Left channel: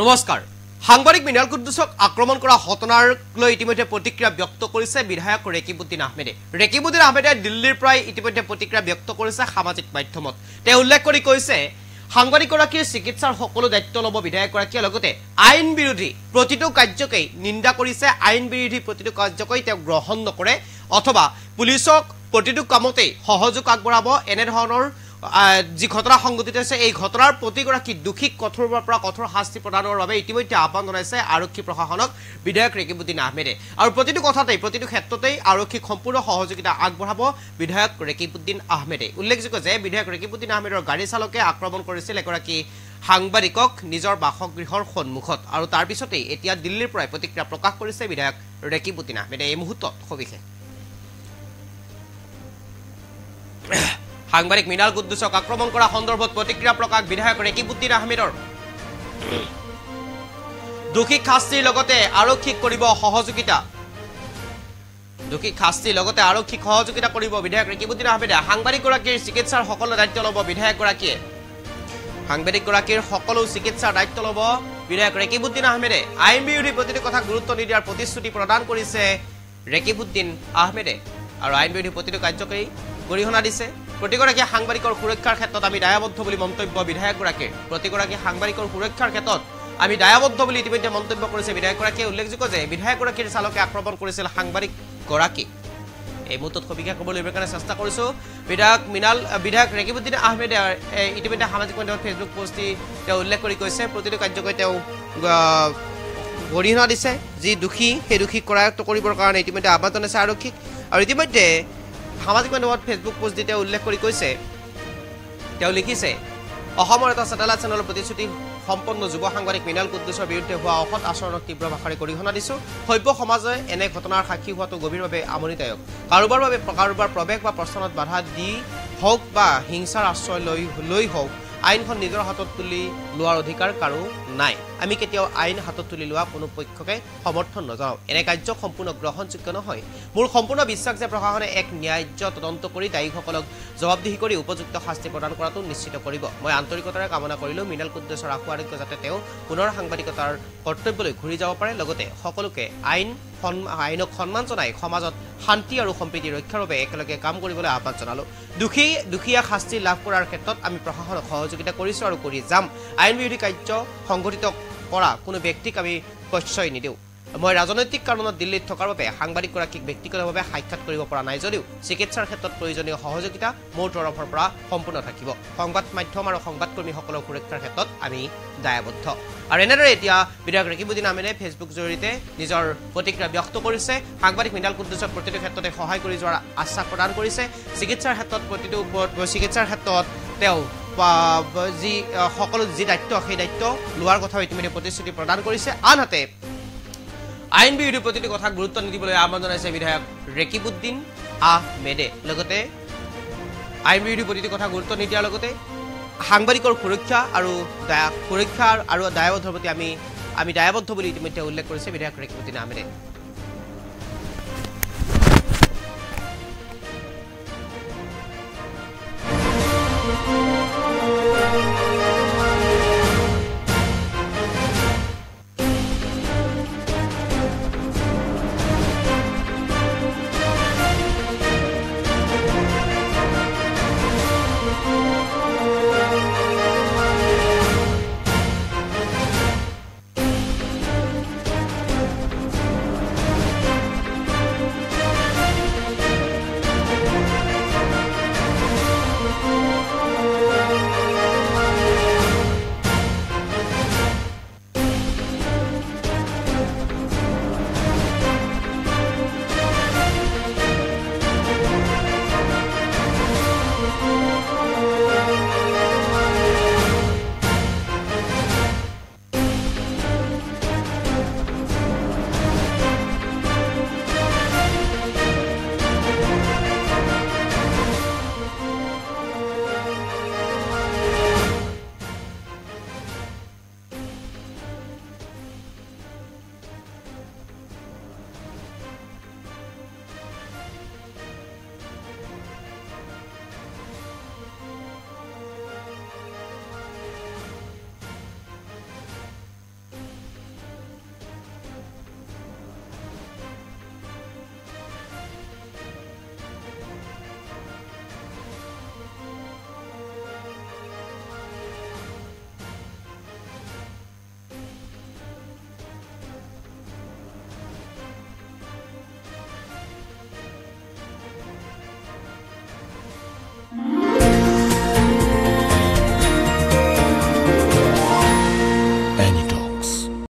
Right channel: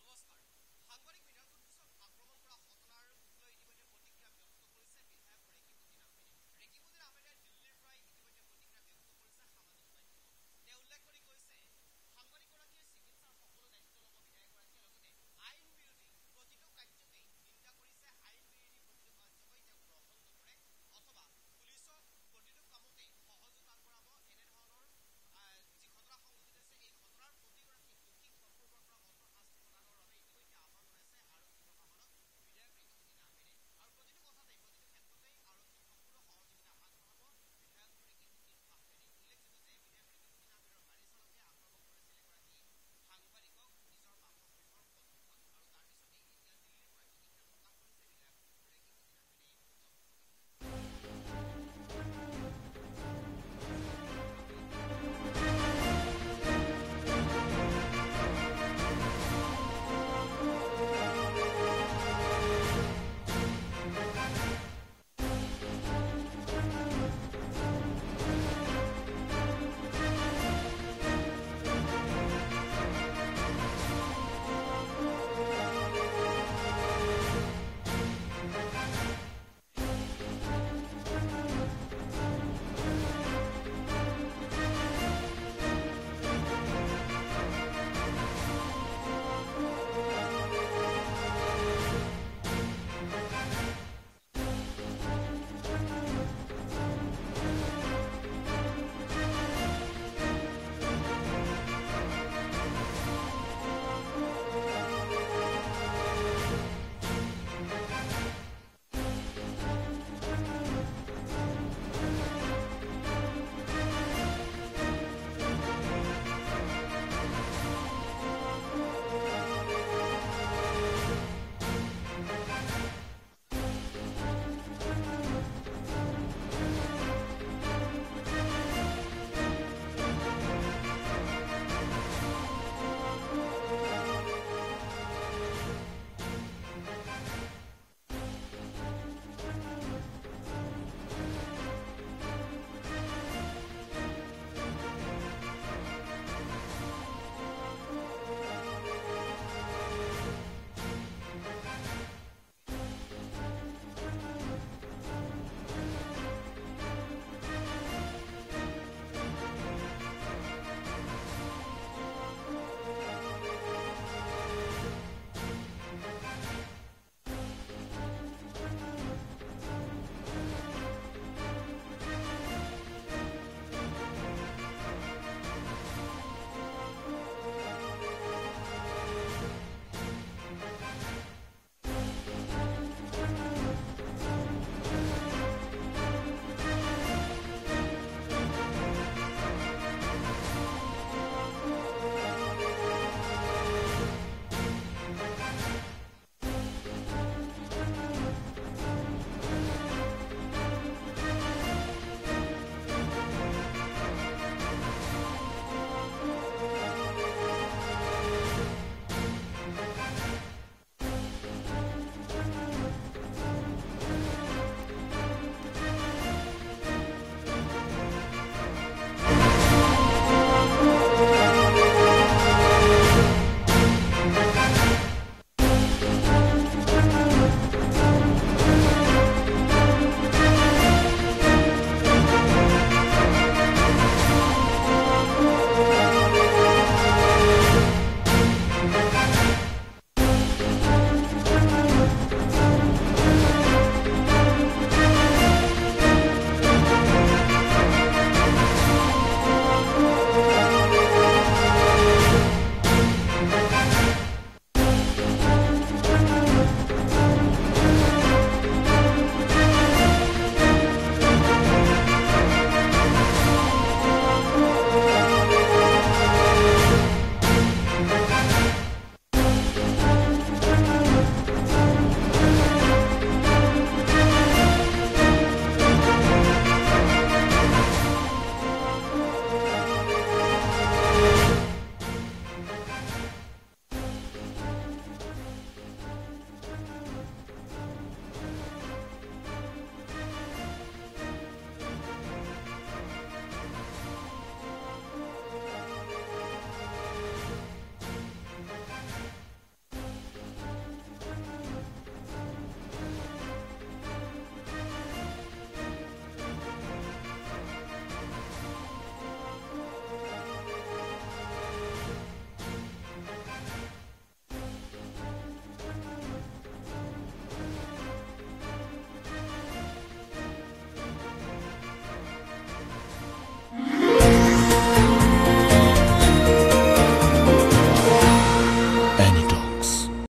নমস্কাৰ সাংবাদিক মিনাল কুদ্দুছক আক্ৰমণ কৰা ঘটনাৰ লৈ ইতিমধ্যে প্ৰতিক্ৰিয়া ব্যক্ত কৰিছে বিধায়ক ৰেকিবুদ্দিন আহমেদে ৰেকিবুদ্দিন আহমেদে দিল্লীৰ প্ৰায় ইতিমধ্যে প্ৰতিক্ৰিয়া ব্যক্ত কৰিছে সামাজিক মাধ্যমত তেওঁ উল্লেখ কৰি কৈছে সাংবাদিকগৰাকীৰ চিকিৎসাৰ সকলো দায়িত্ব ল'ব বিধায়কগৰাকীয়ে লগতে আইন বিৰোধী প্ৰতিটো কাৰ্যকেই নিন্দা কৰিছে আইন বিৰোধী প্ৰতিটো কাৰ্যকেই তেওঁ গ্ৰহণ নকৰে অথবা পুলিচক প্ৰতিটো কামতেই সহযোগ আগবঢ়াব এনে ধৰণৰ যি ঘটনা সংঘটিত হৈছে এই ঘটনাৰ প্ৰতিগৰাকী দুখিক কঠোৰৰ পৰা কঠোৰ শাস্তি প্ৰদানৰ বাবে ইতিমধ্যে আহ্বান জনাইছে আৰক্ষী প্ৰশাসনক বিধায়ক ৰেকিবুদ্দিন আহমেদে আৰু প্ৰতিটো কথাতেই প্ৰতিটো ক্ষেত্ৰতেই আৰক্ষীক সম্পূৰ্ণ সহযোগিতা আগবঢ়াব বিধায়ক ৰেকিবুদ্দিন আহমেদে উল্লেখযোগ্য যে বিধায়ক ৰেকিবুদ্দিন আহমেদৰ গাড়ী চালকে আক্ৰমণ কৰিছিল এগৰাকী সাংবাদিকক নিজৰ বাসগৃহৰ সন্মুখত আৰু তাৰ পিছতেই এতিয়া দিল্লীৰ পৰা প্ৰতিক্ৰিয়া প্ৰকাশ কৰিছে বিধায়ক ৰেকিবুদ্দিন আহমেদে এই মুহূৰ্তত সবিশেষ সাংবাদিক মিনাল কুদ্দুছক আক্ৰমণ কৰা সন্দৰ্ভত প্ৰতিক্ৰিয়া প্ৰকাশ বিধায়ক ৰেকিবুদ্দিন আহমেদৰ দুখিক শাস্তিৰ লগতে আৰক্ষীক কৰিব সহযোগিতা কৰিব বিধায়ক ৰেকিবুদ্দিন আহমেদে সাংবাদিকগৰাকীৰ চিকিৎসাৰ সকলো দায়িত্ব ল'ব বিধায়কগৰাকীয়ে সাংবাদিকগৰাকীৰ সকলো চিকিৎসাৰ দায়িত্ব ল'ব বিধায়ক ৰেকিবুদ্দিন আহমেদে আইন বিৰোধী প্ৰতিটো কথা গুৰুত্ব নিদিয়াৰ প্ৰতিশ্ৰুতি প্ৰদান কৰিছে ৰেকিবুদ্দিন আহমেদে আৰু আইন বিৰোধী প্ৰতিটো কাৰ্যকেই গৰিহণা দিছে প্ৰতিগৰাকী সাংবাদিকৰ সুৰক্ষাৰ ক্ষেত্ৰত আমি দায়বদ্ধ বুলি মন্তব্য বিধায়কগৰাকীৰ প্ৰতিগৰাকী সাংবাদিকৰ সুৰক্ষাৰ ক্ষেত্ৰত আমি দায়বদ্ধ বুলি ইতিমধ্যে মন্তব্য কৰিছে বিধায়কগৰাকীয়ে উল্লেখযোগ্য যে বিধায়কগৰাকীৰ চালকে আক্ৰমণ কৰিছিল সাংবাদিকগৰাকী এই মুহূৰ্তত সবিশেষ ক'বলৈ কাৰণে চেষ্টা কৰিছো বিধায়ক ৰেকিবুদ্দিন আহমেদে ইতিমধ্যে সামাজিক মাধ্যমত ফেচবুক পোষ্ট দি তেওঁ উল্লেখ কৰি কৈছে প্ৰতিটো কাৰ্যকৈ তেওঁ গৰিহণা দিছে যি দুখী সেই দুখীক কৰায়ত্ব কৰিবৰ কাৰণে ইতিমধ্যে আহ্বান জনাইছে আৰক্ষীক আৰু ইতিমধ্যে সামাজিক মাধ্যমত ফেচবুক পোষ্ট দি তেওঁ উল্লেখ কৰি কৈছে তেওঁ লিখিছে অসমৰ এটা চেটেলাইট চেনেলৰ প্ৰতিশ্ৰুতি সম্পন্ন যুৱ সাংবাদিক মিনাল কুদ্দুছৰ বিৰুদ্ধে হোৱা অসৎ আচৰণক তীব্ৰ ভাষাৰে গৰিহণা দিছো সভ্য সমাজে এনে ঘটনাৰ সাক্ষী হোৱাটো গভীৰভাৱে আমনিদায়ক কাৰোবাৰ প্ৰৱেশ বা প্ৰস্থানত বাধা দি হওক বা হিংসাৰ আশ্ৰয় লৈ হওক আইনখন নিজৰ হাতত তুলি লোৱাৰ অধিকাৰ কাৰো নাই আমি কেতিয়াও আইন হাতত তুলি লোৱা কোনো পক্ষকে সমৰ্থন নজনাও এনে কাৰ্য সম্পূৰ্ণ গ্ৰহণযোগ্য নহয় মোৰ সম্পূৰ্ণ বিশ্বাস যে প্ৰশাসনে এক ন্যায্য তদন্ত কৰি দায়ীসকলক জবাবদিহি কৰি উপযুক্ত শাস্তি প্ৰদান কৰাটো নিশ্চিত কৰিব মই আন্তৰিকতাৰে কামনা কৰিলো মিনাল কুদ্দুছৰ আশু আৰোগ্য যাতে তেওঁ পুনৰ সাংবাদিকতাৰ কৰ্তব্যলৈ ঘূৰি যাব পাৰে লগতে সকলোকে আইনক সন্মান জনাই সমাজত শান্তি আৰু সম্প্ৰীতি ৰক্ষাৰ বাবে একেলগে কাম কৰিবলৈ আহ্বান জনালো দুখীয়া শাস্তি লাভ কৰাৰ ক্ষেত্ৰত আমি প্ৰশাসনক সহযোগিতা কৰিছো আৰু কৰি যাম আইন বিৰোধী কাৰ্য সংঘটিত কৰা কোনো ব্যক্তিক আমি প্ৰশ্ৰয় নিদিওঁ মই ৰাজনৈতিক কাৰণত দিল্লীত থকাৰ বাবে সাংবাদিকগৰাকীক ব্যক্তিগতভাৱে সাক্ষাৎ কৰিব পৰা নাই যদিও চিকিৎসাৰ ক্ষেত্ৰত প্ৰয়োজনীয় সহযোগিতা মোৰ তৰফৰ পৰা সম্পূৰ্ণ থাকিব সংবাদ মাধ্যম আৰু সংবাদকৰ্মীসকলৰ সুৰক্ষাৰ ক্ষেত্ৰত আমি দায়বদ্ধ আৰু এনেদৰে এতিয়া বিধায়ক ৰেকিবুদ্দিন আহমেদে ফেচবুক জৰিয়তে নিজৰ প্ৰতিক্ৰিয়া ব্যক্ত কৰিছে সাংবাদিক মিনাল কুদ্দুছক প্ৰতিটো ক্ষেত্ৰতে সহায় কৰি যোৱাৰ আশ্বাস প্ৰদান কৰিছে চিকিৎসাৰ ক্ষেত্ৰত তেওঁ যি সকলো যি দায়িত্ব সেই দায়িত্ব লোৱাৰ কথাও ইতিমধ্যে প্ৰতিশ্ৰুতি প্ৰদান কৰিছে আনহাতে আইন বিৰোধী প্ৰতিটো কথা গুৰুত্ব নিদিবলৈ আহ্বান জনাইছে বিধায়ক ৰেকিবুদ্দিন আহমেদে লগতে আইন বিৰোধী প্ৰতিটো কথা গুৰুত্ব নিদিয়াৰ লগতে সাংবাদিকৰ সুৰক্ষা আৰু দায়বদ্ধ প্ৰতি আমি দায়বদ্ধ বুলি ইতিমধ্যে উল্লেখ কৰিছে বিধায়ক ৰেকিবুদ্দিন আহমেদে